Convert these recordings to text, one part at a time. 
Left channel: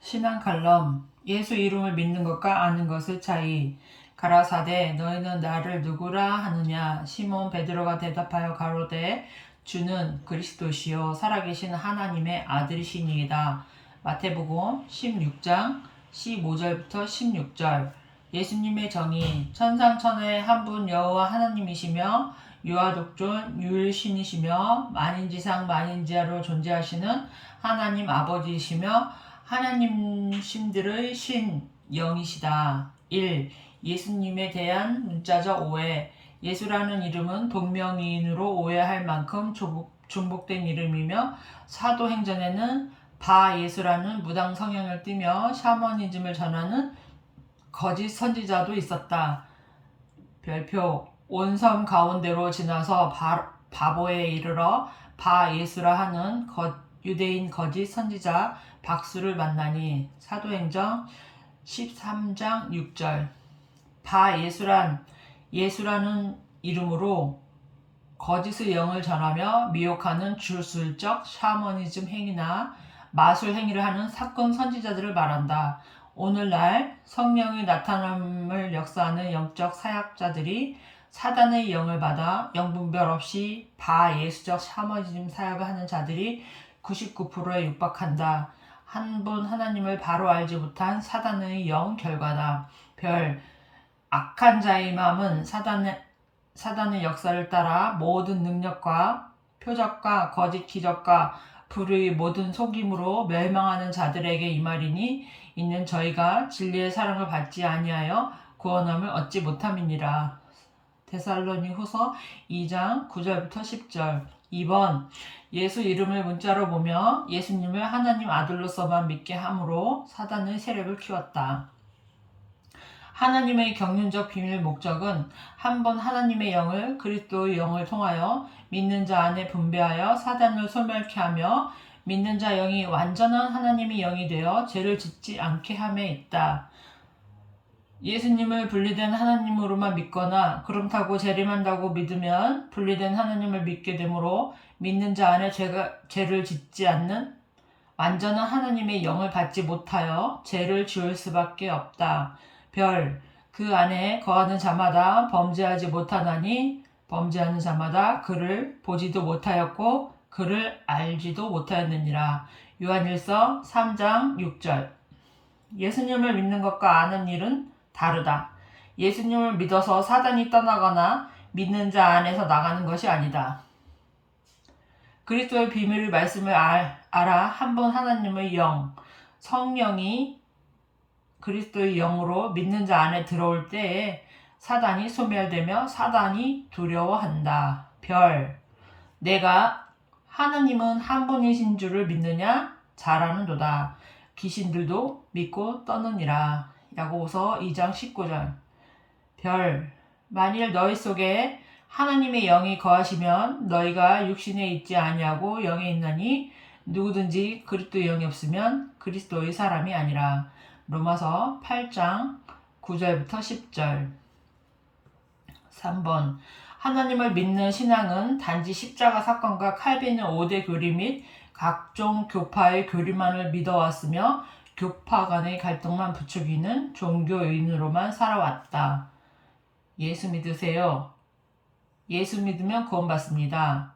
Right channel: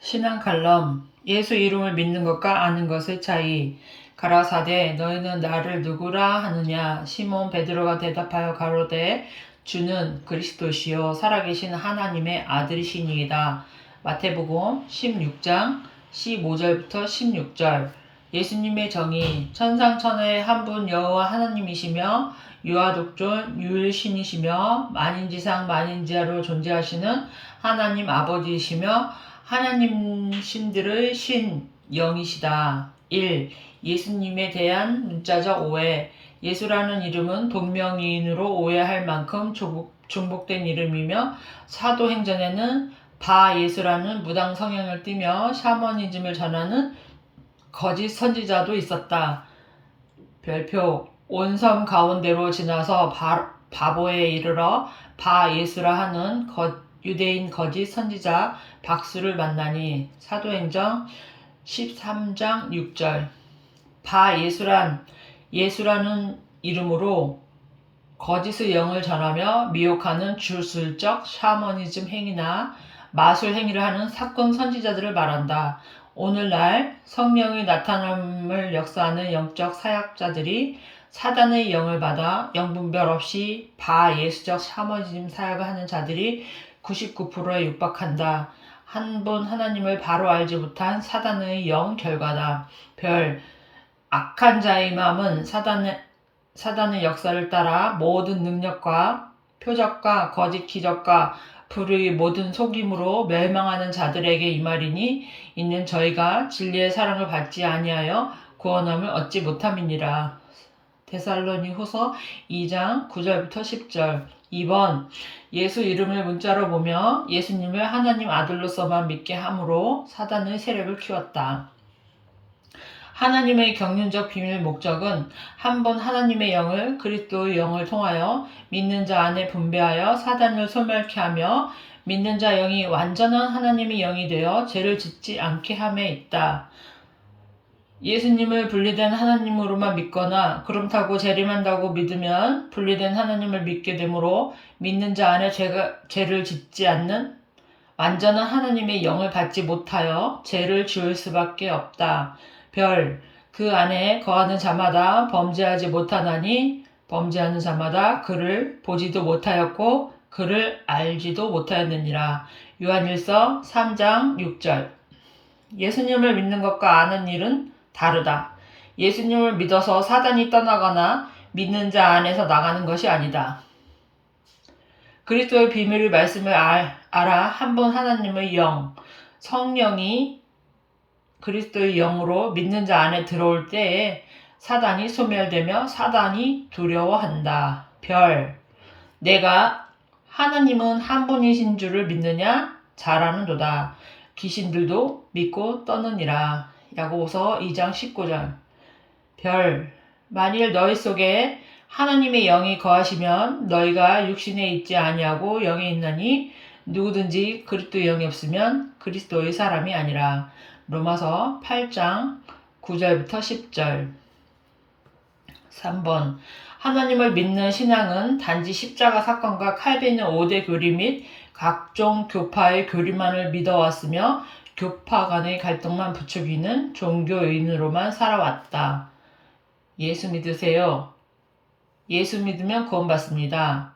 신앙 칼럼. 예수 이름을 믿는 것과 아는 것의 차이. 가라사대 너희는 나를 누구라 하느냐. 시몬 베드로가 대답하여 가로되 주는 그리스도시요 살아계신 하나님의 아들이시니이다. 마태복음 16장 15절부터 16절. 예수님의 정의. 천상천하의 한 분 여호와 하나님이시며 유아독존 유일신이시며 만인지상 만인지하로 존재하시는 하나님 아버지이시며 하나님 신들의 신 영이시다. 1. 예수님에 대한 문자적 오해. 예수라는 이름은 동명이인으로 오해할 만큼 중복된 이름이며 사도행전에는 바예수라는 무당 성향을 띠며 샤머니즘을 전하는 거짓 선지자도 있었다. 별표. 온 섬 가운데로 지나서 바보에 이르러 바예수라 하는 유대인 거짓 선지자 박수를 만나니. 사도행전 13장 6절. 예수라는 이름으로 거짓의 영을 전하며 미혹하는 주술적 샤머니즘 행위나 마술 행위를 하는 사건 선지자들을 말한다. 오늘날 성령의 나타남을 역사하는 영적 사역자들이 사단의 영을 받아 영분별 없이 바예수적 샤머니즘 사역을 하는 자들이 99%에 육박한다. 한 분 하나님을 바로 알지 못한 사단의 영 결과다. 별. 악한 자의 마음은 사단의 역사를 따라 모든 능력과 표적과 거짓 기적과 불의 모든 속임으로 멸망하는 자들에게 임하리니 이는 저희가 진리의 사랑을 받지 아니하여 구원함을 얻지 못함이니라. 데살로니후서 2장 9절부터 10절. 2번. 예수 이름을 문자로 보며 예수님을 하나님 아들로서만 믿게 함으로 사단의 세력을 키웠다. 하나님의 경륜적 비밀 목적은 한 분 하나님의 영을 그리스도의 영을 통하여 믿는 자 안에 분배하여 사단을 소멸케 하며 믿는 자 영이 완전한 하나님의 영이 되어 죄를 짓지 않게 함에 있다. 예수님을 분리된 하나님으로만 믿거나 그렇다고 재림한다고 믿으면 분리된 하나님을 믿게 되므로 믿는 자 안에 죄를 짓지 않는 완전한 하나님의 영을 갖지 못하여 죄를 지을 수밖에 없다. 별. 그 안에 거하는 자마다 범죄하지 못하나니 범죄하는 자마다 그를 보지도 못하였고 그를 알지도 못하였느니라. 요한일서 3장 6절. 예수님을 믿는 것과 아는 일은 다르다. 예수님을 믿어서 사단이 떠나거나 믿는 자 안에서 나가는 것이 아니다. 그리스도의 비밀의 말씀을 알아 한 분 하나님의 영, 성령이 그리스도의 영으로 믿는 자 안에 들어올 때에 사단이 소멸되며 사단이 두려워한다. 별. 내가 하나님은 한 분이신 줄을 믿느냐? 잘하는도다. 귀신들도 믿고 떠느니라. 야고보서 2장 19절. 별. 만일 너희 속에 하나님의 영이 거하시면 너희가 육신에 있지 아니하고 영에 있나니 누구든지 그리스도의 영이 없으면 그리스도의 사람이 아니라. 로마서 8장 9절부터 10절. 3번. 하나님을 믿는 신앙은 단지 십자가 사건과 칼빈의 5대 교리 및 각종 교파의 교리만을 믿어왔으며 교파 간의 갈등만 부추기는 종교인으로만 살아왔다. 예수 믿으세요. 예수 믿으면 구원받습니다.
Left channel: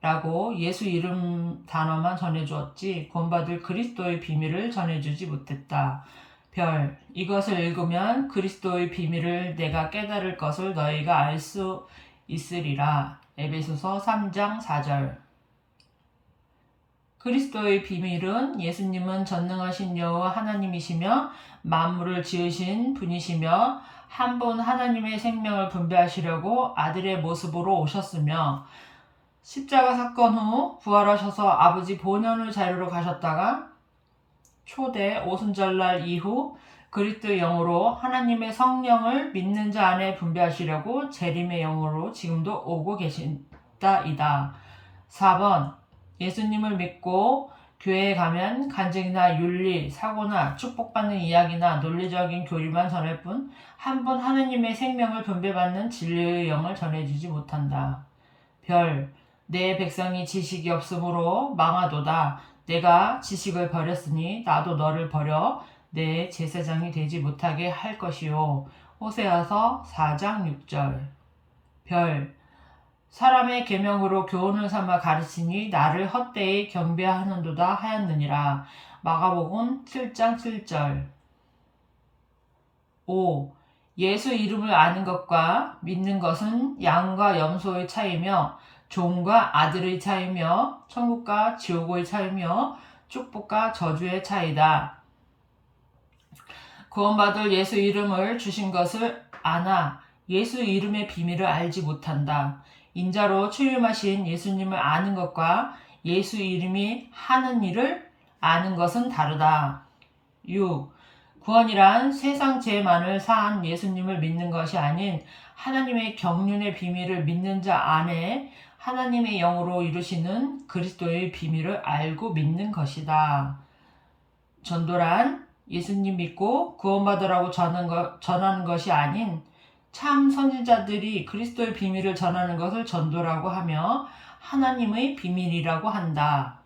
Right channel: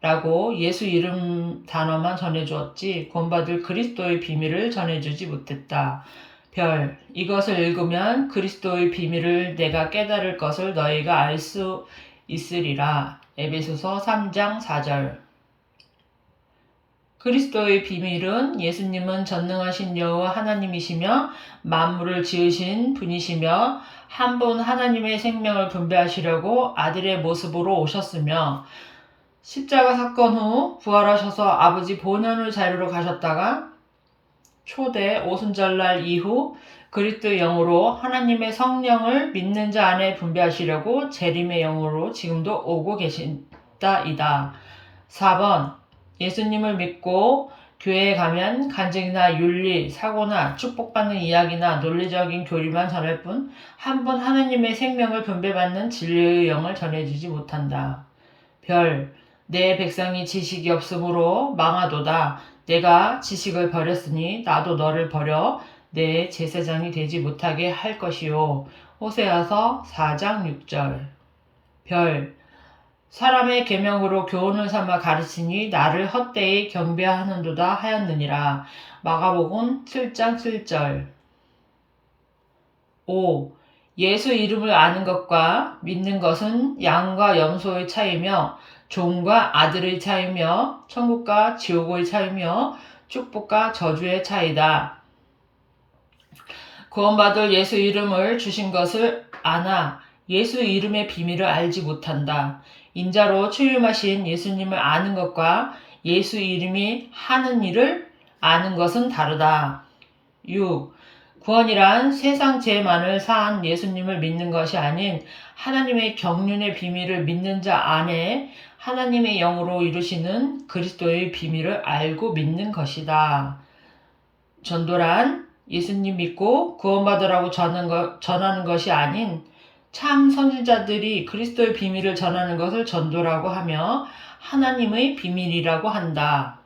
라고 예수 이름 단어만 전해주었지 구원받을 그리스도의 비밀을 전해주지 못했다. 별. 이것을 읽으면 그리스도의 비밀을 내가 깨달을 것을 너희가 알 수 있으리라. 에베소서 3장 4절. 그리스도의 비밀은 예수님은 전능하신 여호와 하나님이시며 만물을 지으신 분이시며 한 분 하나님의 생명을 분배하시려고 아들의 모습으로 오셨으며 십자가 사건 후 부활하셔서 아버지 본연의 자리로 가셨다가 초대 오순절날 이후 그리스도의 영으로 하나님의 성령을 믿는 자 안에 분배하시려고 재림의 영으로 지금도 오고 계신다이다. 4번. 예수님을 믿고 교회에 가면 간증이나 윤리, 사고나 축복받는 이야기나 논리적인 교리만 전할 뿐 한 분 하나님의 생명을 분배받는 진리의 영을 전해주지 못한다. 별. 내 백성이 지식이 없으므로 망하도다. 내가 지식을 버렸으니 나도 너를 버려 내 제사장이 되지 못하게 할 것이요. 호세아서 4장 6절. 사람의 계명으로 교훈을 삼아 가르치니 나를 헛되이 경배하는도다 하였느니라. 마가복음 7장 7절. 5. 예수 이름을 아는 것과 믿는 것은 양과 염소의 차이며 종과 아들의 차이며 천국과 지옥의 차이며 축복과 저주의 차이다. 구원받을 예수 이름을 주신 것을 아나 예수 이름의 비밀을 알지 못한다. 인자로 출림하신 예수님을 아는 것과 예수 이름이 하는 일을 아는 것은 다르다. 6. 구원이란 세상 죄만을 사한 예수님을 믿는 것이 아닌 하나님의 경륜의 비밀을 믿는 자 안에 하나님의 영으로 이루시는 그리스도의 비밀을 알고 믿는 것이다. 전도란 예수님 믿고 구원받으라고 전하는 것이 아닌 참 선지자들이 그리스도의 비밀을 전하는 것을 전도라고 하며 하나님의 비밀이라고 한다.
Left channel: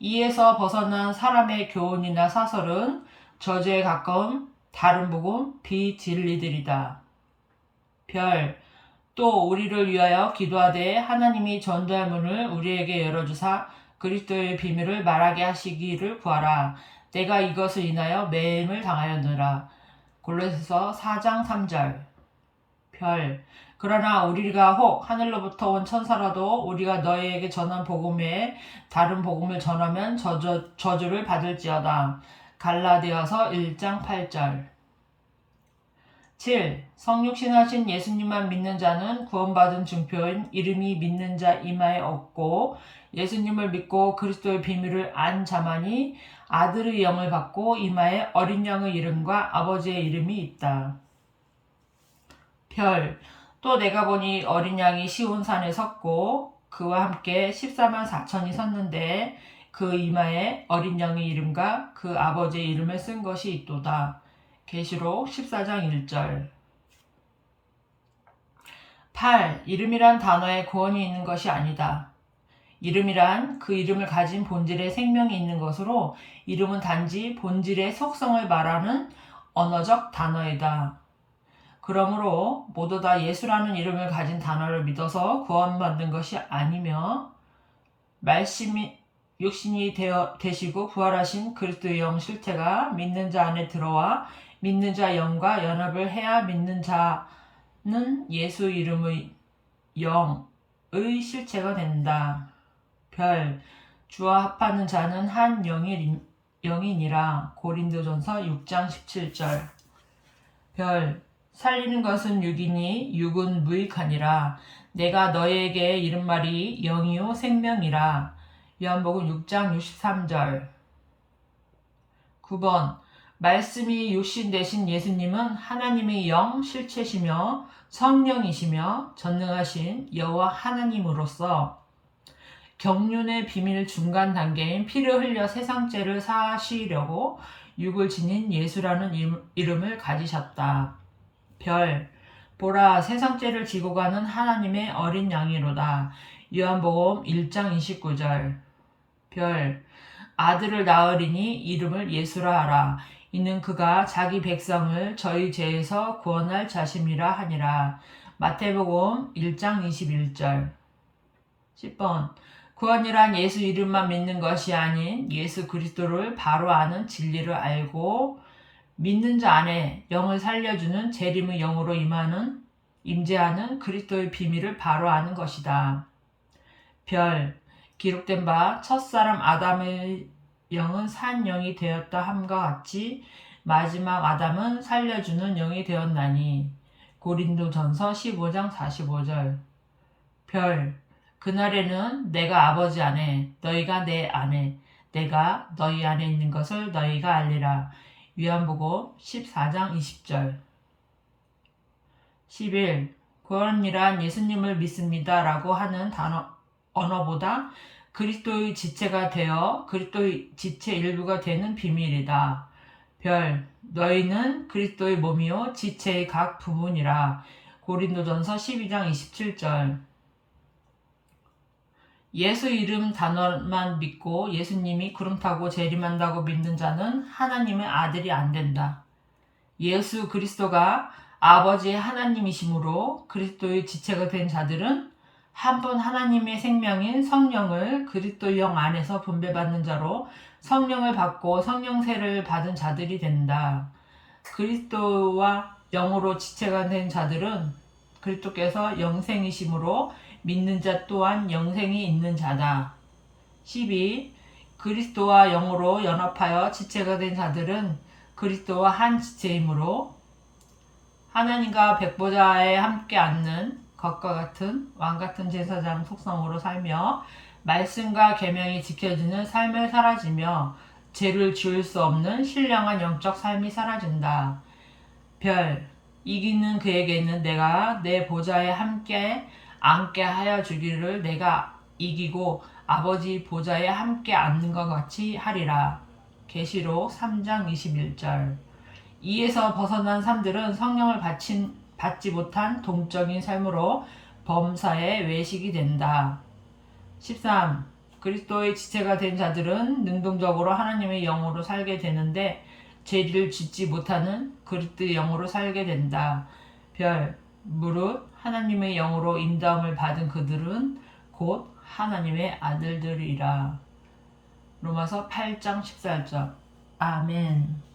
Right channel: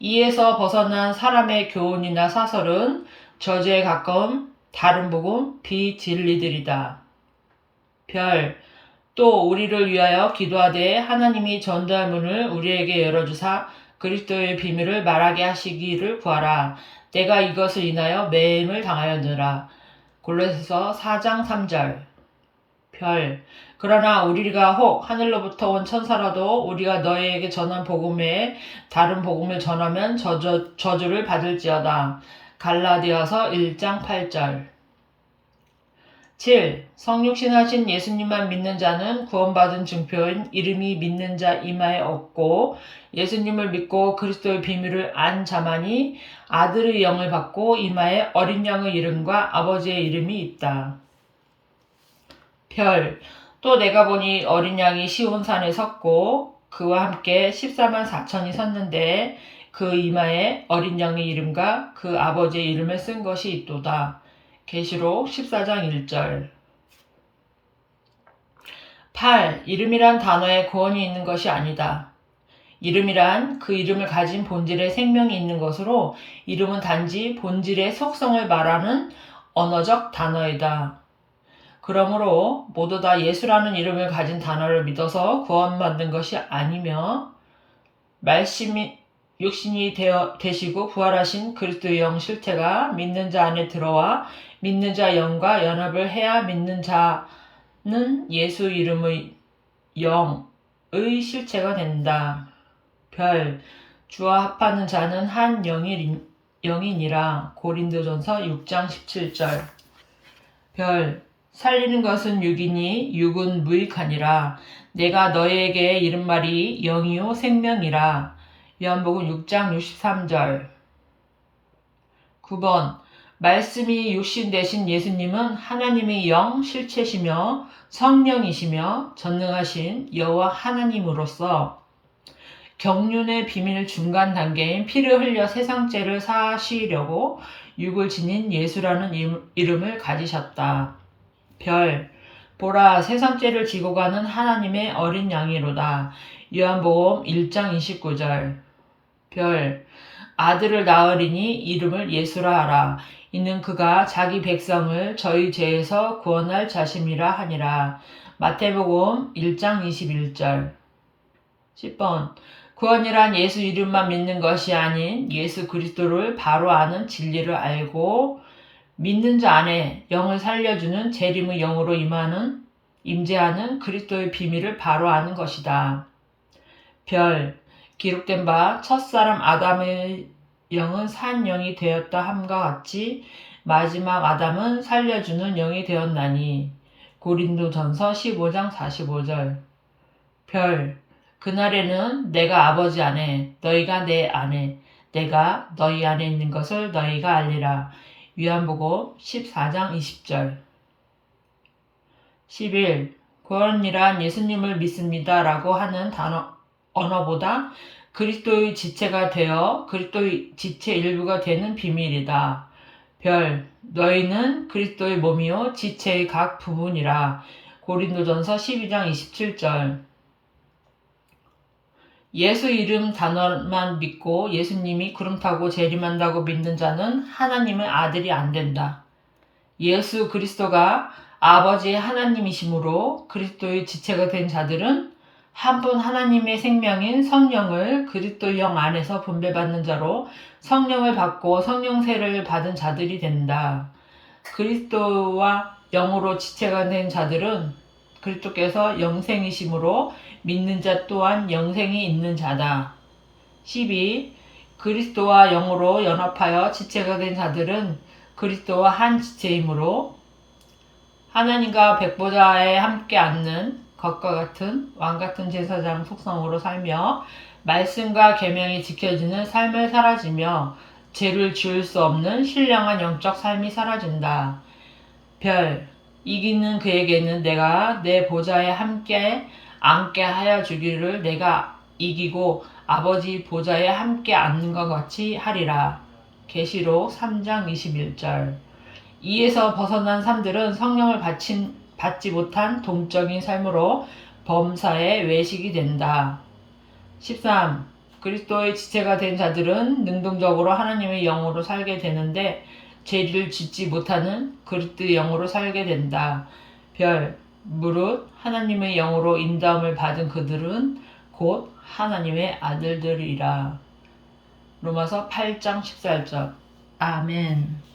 이에서 벗어난 사람의 교훈이나 사설은 저주에 가까운 다른 복음 비진리들이다. 또 우리를 위하여 기도하되 하나님이 전도할 문을 우리에게 열어주사 그리스도의 비밀을 말하게 하시기를 구하라. 내가 이것을 인하여 매임을 당하였느라. 골로새서 4장 3절. 그러나 우리가 혹 하늘로부터 온 천사라도 우리가 너희에게 전한 복음에 다른 복음을 전하면 저주를 받을지어다. 갈라디아서 1장 8절. 7. 성육신하신 예수님만 믿는 자는 구원받은 증표인 이름이 믿는 자 이마에 없고 예수님을 믿고 그리스도의 비밀을 안 자만이 아들의 영을 받고 이마에 어린 양의 이름과 아버지의 이름이 있다. 또 내가 보니 어린 양이 시온산에 섰고 그와 함께 14만 4천이 섰는데 그 이마에 어린 양의 이름과 그 아버지의 이름을 쓴 것이 있도다. 계시록 14장 1절. 8. 이름이란 단어에 구원이 있는 것이 아니다. 이름이란 그 이름을 가진 본질의 생명이 있는 것으로 이름은 단지 본질의 속성을 말하는 언어적 단어이다. 그러므로 모두 다 예수라는 이름을 가진 단어를 믿어서 구원받는 것이 아니며 말씀이 육신이 되시고 부활하신 그리스도의 영 실체가 믿는 자 안에 들어와 믿는 자 영과 연합을 해야 믿는 자는 예수 이름의 영의 실체가 된다. 주와 합하는 자는 한 영이니라. 고린도전서 6장 17절. 살리는 것은 육이니 육은 무익하니라. 내가 너희에게 이른 말이 영이요 생명이라. 요한복음 6장 63절. 9번. 말씀이 육신 되신 예수님은 하나님의 영 실체시며 성령이시며 전능하신 여호와 하나님으로서 경륜의 비밀 중간 단계인 피를 흘려 세상 죄를 사하시려고 육을 지닌 예수라는 이름을 가지셨다. 보라 세상 죄를 지고 가는 하나님의 어린 양이로다. 요한복음 1장 29절. 아들을 낳으리니 이름을 예수라 하라. 이는 그가 자기 백성을 저희 죄에서 구원할 자심이라 하니라. 마태복음 1장 21절. 10번. 구원이란 예수 이름만 믿는 것이 아닌 예수 그리스도를 바로 아는 진리를 알고 믿는 자 안에 영을 살려주는 재림의 영으로 임재하는 그리스도의 비밀을 바로 아는 것이다. 기록된 바 첫사람 아담의 영은 산 영이 되었다 함과 같이 마지막 아담은 살려주는 영이 되었나니. 고린도전서 15장 45절. 그날에는 내가 아버지 안에 너희가 내 안에 내가 너희 안에 있는 것을 너희가 알리라. 요한복음 14장 20절. 11. 구원이란 예수님을 믿습니다 라고 하는 언어보다 그리스도의 지체가 되어 그리스도의 지체 일부가 되는 비밀이다. 너희는 그리스도의 몸이요 지체의 각 부분이라. 고린도전서 12장 27절. 예수 이름 단어만 믿고 예수님이 구름 타고 재림한다고 믿는 자는 하나님의 아들이 안 된다. 예수 그리스도가 아버지의 하나님이시므로 그리스도의 지체가 된 자들은 한 분 하나님의 생명인 성령을 그리스도 영 안에서 분배받는 자로 성령을 받고 성령세를 받은 자들이 된다. 그리스도와 영으로 지체가 된 자들은 그리스도께서 영생이심으로 믿는 자 또한 영생이 있는 자다. 12. 그리스도와 영으로 연합하여 지체가 된 자들은 그리스도와 한 지체이므로 하나님과 백보자에 함께 앉는 것과 같은 왕같은 제사장 속성으로 살며 말씀과 계명이 지켜지는 삶을 살아지며 죄를 지을 수 없는 신령한 영적 삶이 사라진다. 별, 이기는 그에게는 내가 내 보좌에 함께 앉게 하여 주기를 내가 이기고 아버지 보좌에 함께 앉는 것 같이 하리라. 계시록 3장 21절. 이에서 벗어난 삶들은 성령을 받지 못한 동적인 삶으로 범사의 외식이 된다. 13. 그리스도의 지체가 된 자들은 능동적으로 하나님의 영으로 살게 되는데 죄를 짓지 못하는 그리스도의 영으로 살게 된다. 별, 무릇 하나님의 영으로 인도함을 받은 그들은 곧 하나님의 아들들이라. 로마서 8장 14절. 아멘.